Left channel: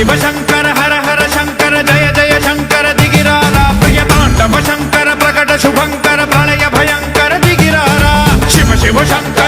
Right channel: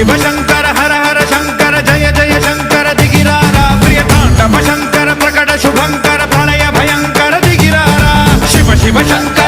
शिव शंकर हर हर शंकर जय जय शंकर दिगिरारा प्रिय तांडव शंकर प्रकट शुभंकर प्रलय भयंकर दिगिरारा शिव शिव शंकर